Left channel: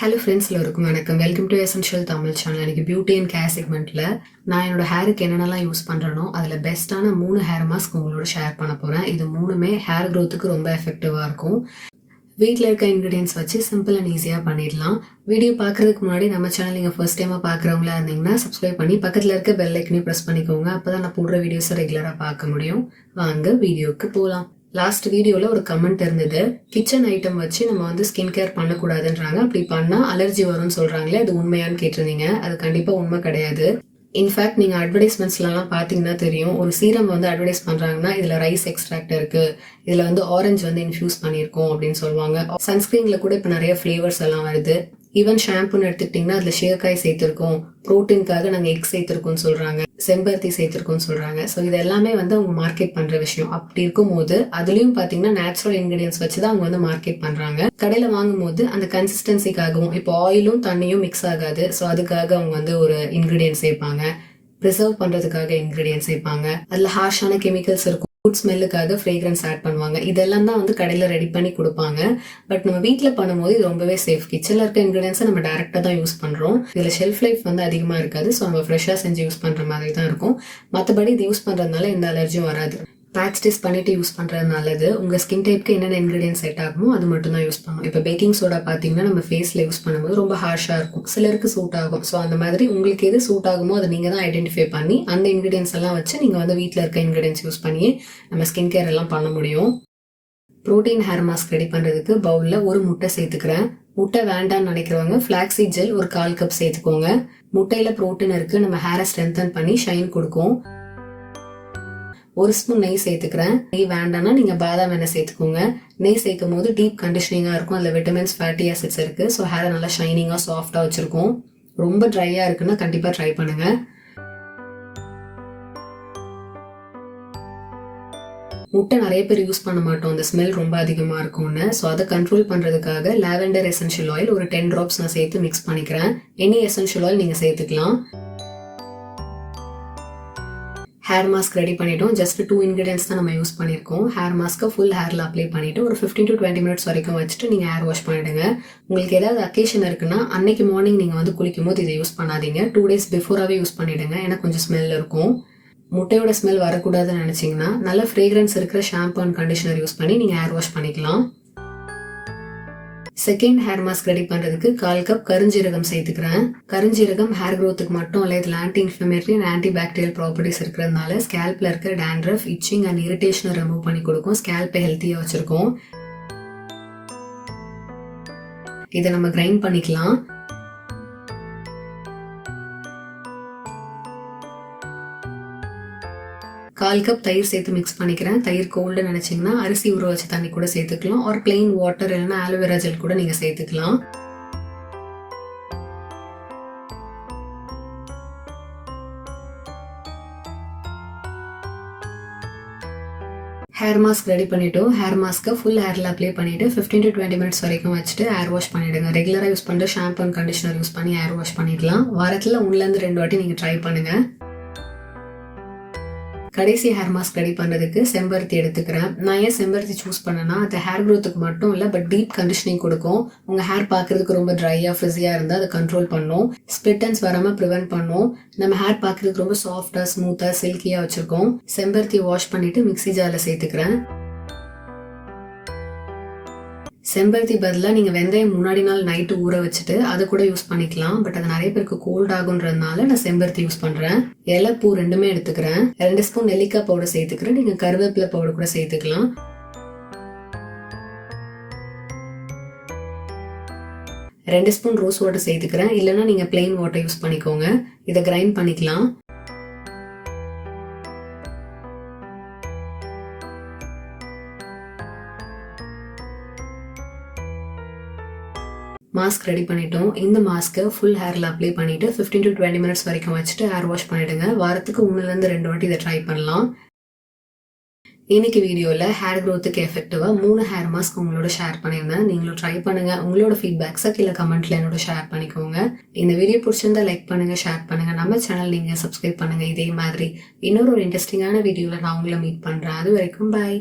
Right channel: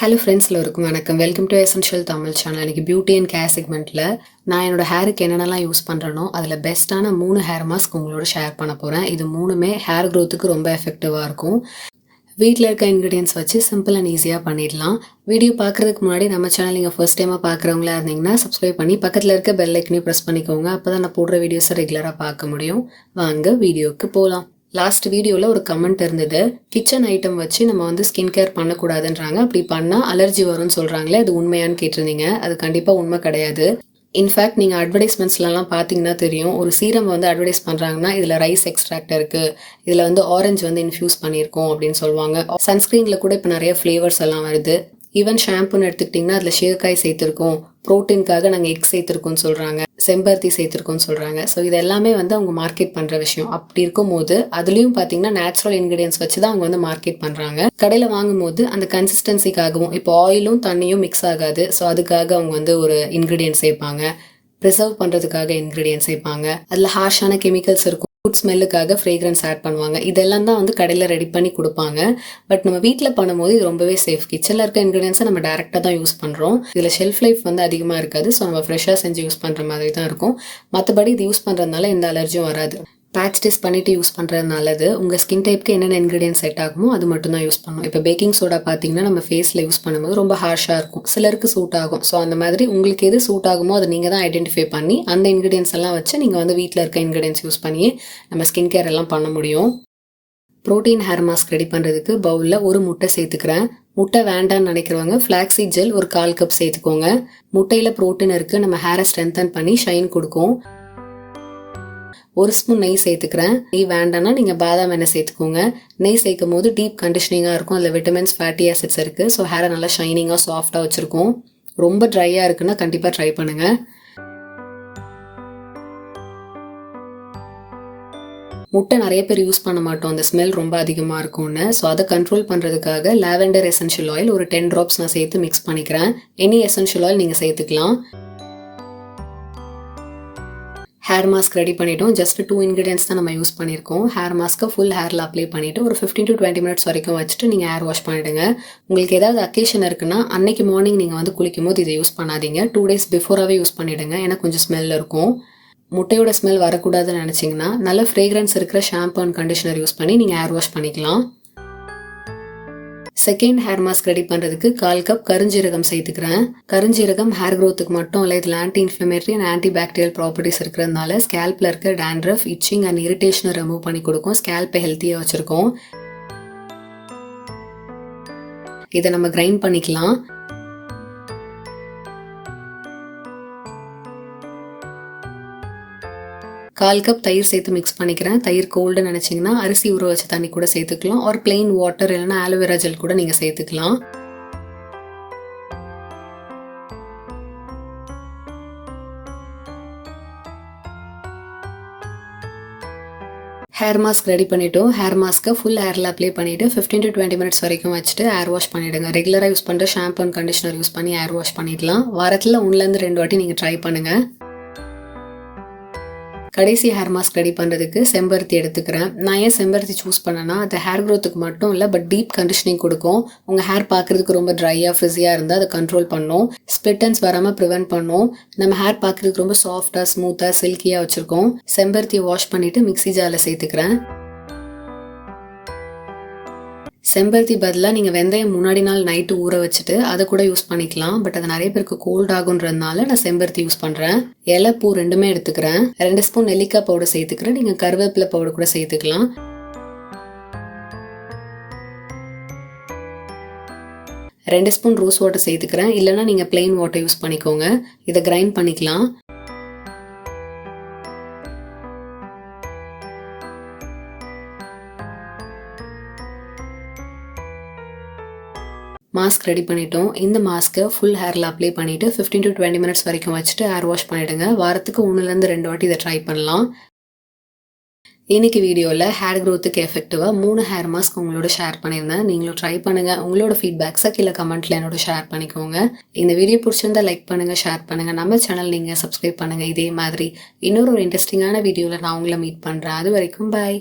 Hello friends, எல்லோருக்கும் வணக்கம். Welcome to essential Tamil channel. எனக்கு பியூட்டி அண்ட் கேர் செக்மெண்ட்டில் நான் என்னோட ஹேருக்கு என்னென்னலாம் யூஸ் பண்ணுறனோ அதில் பெஸ்ட்டான 3 ஹேர் மாஸ்க் உங்களோட ஷேர் பண்ண போகிறேன். இது 3மே ஹேர் க்ரோத்துக்கு ரொம்ப எஃபெக்டிவாக இருக்கும். வீட்டில் இருக்க இன்க்ரீடியன்ஸ் வச்சு சிம்பிள் அண்ட் ஈஸியாக பண்ணிடலாம். வீடியோ பார்க்குறதுக்கு முன்னாடி நம்ம சேனல் நீங்கள் ஃபர்ஸ்ட் டைமாக பார்க்குறவங்களா இருந்தீங்கன்னா சப்ஸ்கிரைப் பண்ணி பக்கத்தில் இருக்க பெல் ஐக்கனையும் ப்ரெஸ் பண்ணிக்கோங்க. அப்போ தான் நான் போடுற வீடியோஸை ரெகுலராக பார்க்க முடியும். வாங்க வீடியோவுக்கு போகலாம். லாஸ்ட் வீடியோவில் ஒரு கமெண்ட் இருந்தது, கிச்சன் ஐட்டம் வச்சு நம்ம ஸ்கின் கேர் பண்ணக்கூடாதுன்றாங்க, அப்படி பண்ணால் அலர்ஜி வரும்னு சொல்கிறாங்களே, அது உண்மையான்னு கேட்டிருந்தீங்க. அது கண்டிப்பாக உண்மை கிடையாது. இன்ஃபேக்ட் நீங்கள் அட்வர்டைஸ்மெண்ட்ஸ்லாம் பார்த்தீங்கன்னா தெரியும், ஒரு சீரம் அட்வர்டைஸ் பண்ணுறாங்கன்னா இதில் ரைஸ் எக்ஸ்ட்ராக்ட் இருக்குது, இதில் ஆரஞ்சு இன்ஃப்யூஸ் பண்ணியிருக்கோம் அப்படின்னு சொல்லுவாங்க. சன்ஸ்க்ரீனில் கூட இப்போ நிறைய ஃப்ளேவர்ஸ் எல்லாம் வருது. ஈவன் ஷாம்புன்னு எடுத்துக்கிட்டிங்கன்னா அதில் சீயக்காய் சேர்த்துருக்கோம், ப்ரோட்டீனுக்காக நாங்கள் எக் சேர்த்துருக்கோம்னு சொல்கிறாங்க, செம்பருத்தி சேர்த்துருக்கோம்னு சொல்கிறாங்க. ஸோ இது எல்லாமே அவங்க மார்க்கெட் பண்ணுற விஷயம். அப்படி இருக்கும்போது அதுலேயும் பார்த்தீங்கன்னா நேச்சுரல் இன்க்ரீடியன்ஸ் வச்சு தான் அவங்க மார்க்கெட் பண்ணுறாங்க. கடையில் வாங்கும்போது அந்த கன்சிஸ்டன்சிக்காகவும், இப்போ ஆயிலும் தண்ணியும் மிக்ஸ் ஆகாது, ஸோ அதுக்காக அவங்க ஒரு இன்க்ரீடியன்ட் சேர்ப்பாங்க. ப்ரிசர்வ் பண்ணுறதுக்காக இன்க்ரீடியன்ட் சேர்ப்பாங்க. அதில் ஹார்ஷான கெமிக்கல்ஸ் இருக்கும், ஃபுட் ஸ்மெல்லுக்காக ஃப்ரேக்ரன்ஸ் ஆட் பண்ணுவாங்க. இதெல்லாம் தான் கடையில் ரெடி பண்ணி கொடுப்பாங்க. பட் நம்ம வீட்டில் பண்ணும்போது இது ரொம்பவே சேஃப். கிச்சனில் இருக்க இன்க்ரீடியன்ஸை நம்ம டேரெக்டாக தான் யூஸ் பண்ணுறோம். இதில் ஷெல்ஃப் லைஃப் அதிகமாக இருக்காது. ஸோ நம்ம ஃப்ரெஷ்ஷாக செஞ்சு யூஸ் பண்ணுற மாதிரி தான் இருக்கும். மற்றபடி இது யூஸ் பண்ணுறதுனால எந்த அலர்ஜியும் வராது. பேட்ச் டெஸ்ட் பண்ணிட்டு யூஸ் பண்ணுறது நல்லது. உங்கள் ஸ்கின் டைப்க்கு என்னென்ன இன்க்ரீடியன்ஸ் செட் ஆகுமோ அது மட்டும் தான் யூஸ் பண்ணணும். இப்போ பேக்கிங் சோடா பார்த்தீங்கன்னா நம்ம ஃபேஸில் யூஸ் பண்ணும்போது ரொம்ப ஹார்ஷாக இருக்கும், சிலருக்கு சூட் ஆகும். ஸோ அந்த மாதிரி உங்களுக்கு எது சூட் ஆகுமோ அதை நீங்கள் தான் ஐடென்டிஃபை பண்ணி அந்த இன்க்ரீடியன்ஸ் எல்லாம் வச்சு நீங்கள் வீட்டில் இருக்க இன்க்ரீடியன்ஸ் யூஸ் பண்ணி நம்ம ஸ்கின் கேர் எல்லாம் பண்ண முடியும். ப்ரோட்டீன் ஹேர் மாஸ்க் ரெடி பண்ணுறதுக்கு பவுலில் ஒரு முட்டை சேர்த்துக்கிறேன். முட்டை வேண்டான்னு நினைக்கிறவங்க ஃப்ளாக்ஸீட் ஜெல் ஒரு 1/4 கப் சேர்த்துக்கோங்க. முட்டையில் ப்ரோட்டீன் இருக்குது, நம்ம ஹேரை ஸ்ட்ரென்தன் பண்ணி ஷைன் கொடுக்கும். 1 ஸ்பூன் நெய் சேர்த்துக்கிறேன். நெய் வேண்டாம்னா நீங்கள் பாதாம் எண்ணெய் சேர்த்துக்கோங்க. நெய் சேர்க்கும் போது டீப் கண்டிஷனிங்காக இருக்கும், அதில் விட்டமின்ஸ், ஃபேட்டி ஆசிட்ஸ் இருக்குது. ஸோ ஹேரை நல்லா ஷைனிங்காக சாஃப்டாக வச்சுருக்கோம். ரொம்ப ட்ரையாக இருக்குன்னா கண்டிப்பாக ட்ரை பண்ணுங்கள். முட்டை நிறைய பேர் யூஸ் பண்ண மாட்டோம், அந்த ஸ்மெல் ரொம்ப அதிகமாக இருக்கும்னு. ஸோ அதை கண்ட்ரோல் பண்ணுறதுக்காக லாவெண்டர் எசென்ஷியல் ஆயில் ஒரு 10 ட்ராப்ஸ் நான் சேர்த்து மிக்ஸ் பண்ணிக்கிறேன். எனி எசென்ஷியல் ஆயில் நீங்கள் சேர்த்துக்கலாம். ஹேர் மாஸ்க் ரெடி பண்ணிட்டோம். ஜஸ்ட் 2 இன்க்ரீடியன்ஸ் தான் நம்ம யூஸ் பண்ணியிருக்கோம். ஹேர் மாஸ்க்கை ஃபுல் ஹேரில் அப்ளை பண்ணிவிட்டு ஒரு 15 to 20 மினிட்ஸ் வரைக்கும் வச்சுட்டு நீங்கள் ஹேர் வாஷ் பண்ணிவிடுங்க. உங்களுக்கு ஏதாவது அக்கேஷன் இருக்குன்னா அன்னைக்கு மார்னிங் நீங்கள் குளிக்கும் போது இதை யூஸ் பண்ணாதீங்க. 2 days பிஃபோராகவே யூஸ் பண்ணிவிடுங்க, ஏன்னா கொஞ்சம் ஸ்மெல் இருக்கும். முட்டையோட ஸ்மெல் வரக்கூடாதுன்னு நினச்சிங்கன்னா நல்ல ஃப்ரேக்ரன்ஸ் இருக்கிற ஷாம்பு அண்ட் கண்டிஷனர் யூஸ் பண்ணி நீங்கள் ஹேர் வாஷ் பண்ணிக்கலாம். செகண்ட் ஹேர் மாஸ்க் ரெடி பண்ணுறதுக்கு 1/4 கப் கருஞ்சீரகம் சேர்த்துக்கிறேன். கருஞ்சீரகம் ஹேர் க்ரோத்துக்கு மட்டும் இல்லை, இதில் anti inflammatory and anti bacterial properties இருக்கிறதுனால ஸ்கேல்பில் இருக்க டேண்ட்ரஃப், இச்சிங் அண்ட் இரிட்டேஷனை ரிமூவ் பண்ணி கொடுக்கும். ஸ்கேல்பை ஹெல்த்தியாக வச்சுருக்கோம். இதை நம்ம கிரைண்ட் பண்ணிக்கலாம். கால் கப் தயிர் சேர்த்து மிக்ஸ் பண்ணிக்கிறேன். தயிர் கோல்டு நினச்சிங்கன்னா அரிசி ஊற வச்ச தண்ணி கூட சேர்த்துக்கலாம், ஒரு பிளெயின் வாட்டர் இல்லைன்னா ஆலோவேரா ஜெல் கூட நீங்கள் சேர்த்துக்கலாம். ஹேர் மாஸ்க் ரெடி பண்ணிட்டோம். ஹேர் மாஸ்க்கை ஃபுல் ஹேரில் அப்ளை பண்ணிவிட்டு 15 to 20 மினிட்ஸ் வரைக்கும் வச்சுட்டு ஹேர் வாஷ் பண்ணிவிடுங்க. ரெகுலராக யூஸ் பண்ணுற ஷாம்பு அண்ட் கண்டிஷனர் யூஸ் பண்ணி ஹேர் வாஷ் பண்ணிடலாம். வாரத்தில் 1 to 2 வாட்டி நீங்கள் ட்ரை பண்ணுங்கள். கடைசி ஹேர் மாஸ்க் ரெடி பண்ணுறதுக்கு செம்பருத்தி எடுத்துக்கிறேன். நான் ஏன் செம்பருத்தி சூஸ் பண்ணேன்னா அது ஹேர் க்ரோத்துக்கு மட்டும் இல்லை, பட் டீப் கண்டிஷனிங் கொடுக்கும். உங்கள் ஹேர் பார்க்குறதுக்கு ரொம்ப ட்ரையாக ஃப்ரிஸியாக இருந்தால் அதை கண்ட்ரோல் பண்ணும். ஸ்ப்ளிட் எண்ட்ஸ் வராமல் ப்ரிவென்ட் பண்ணும். நம்ம ஹேர் பார்க்குறதுக்கு ரொம்ப சாஃப்டாக, ஸ்மூத்தாக, சில்கியாக வச்சுருக்கோம். செம்பருத்தி வாஷ் பண்ணிவிட்டு மிக்ஸி ஜாரில் சேர்த்துக்கிறேன். செம்பருத்தி பதிலாக நீங்கள் வெந்தயம் முன்னாடி நாள் நைட்டு ஊற வச்சுட்டு அதை கூட யூஸ் பண்ணிக்கலாம். பட் அது நிறைய பேருக்கு கோல்ட் ஆகுன்றதுனால நான் செம்பருத்தி யூஸ் பண்ணுறேன். இலை, பூ ரெண்டுமே எடுத்துக்கிறேன். 2 ஸ்பூன் நெல்லிக்காய் பவுடர் சேர்த்துக்கிறேன். நீங்கள் கருவேப்பிலை பவுடர் கூட சேர்த்துக்கலாம். 2 ஸ்பூன் ரோஸ் வாட்டர் சேர்த்துக்கிறேன். இல்லைன்னா நீங்கள் பிளெயின் வாட்டர் யூஸ் பண்ணிக்கோங்க. இதை கிரைண்ட் பண்ணிக்கலாம். மாஸ்க் ரெடி பண்ணிட்டோம். இந்த மாஸ்க்கை ஃபுல் ஹேரில் அப்ளை பண்ணிவிட்டு 15 to 20 மினிட்ஸ் வரைக்கும் வச்சுட்டு ஹேர் வாஷ் பண்ணிவிடுங்க. வாரத்துக்கு 1 to 2 வாட்டி இதை ட்ரை பண்ணலாம். இன்னைக்கு வீடியோவில் ஹேர் க்ரோத்துக்கு எஃபெக்டிவாக 3 ஹேர் மாஸ்க் உங்களோட ஷேர் பண்ணியிருந்தேன். நீங்களும் ட்ரை பண்ணுங்கள். உங்களோட ஃபீட்பேக்ஸை கீழே கமெண்ட்டில் என்னோட ஷேர் பண்ணிக்கோங்க. இந்த வீடியோ பிடிச்சிருந்தா லைக் பண்ணுங்கள், ஷேர் பண்ணுங்கள். நம்ம சேனல் நீங்கள் சப்ஸ்கிரைப் பண்ணுங்கள். இதே மாதிரி இன்னொரு இன்ட்ரெஸ்டிங்கான வீடியோவில் நான் உங்களை மீட் பண்ணுறேன். அது வரைக்கும் பாய்.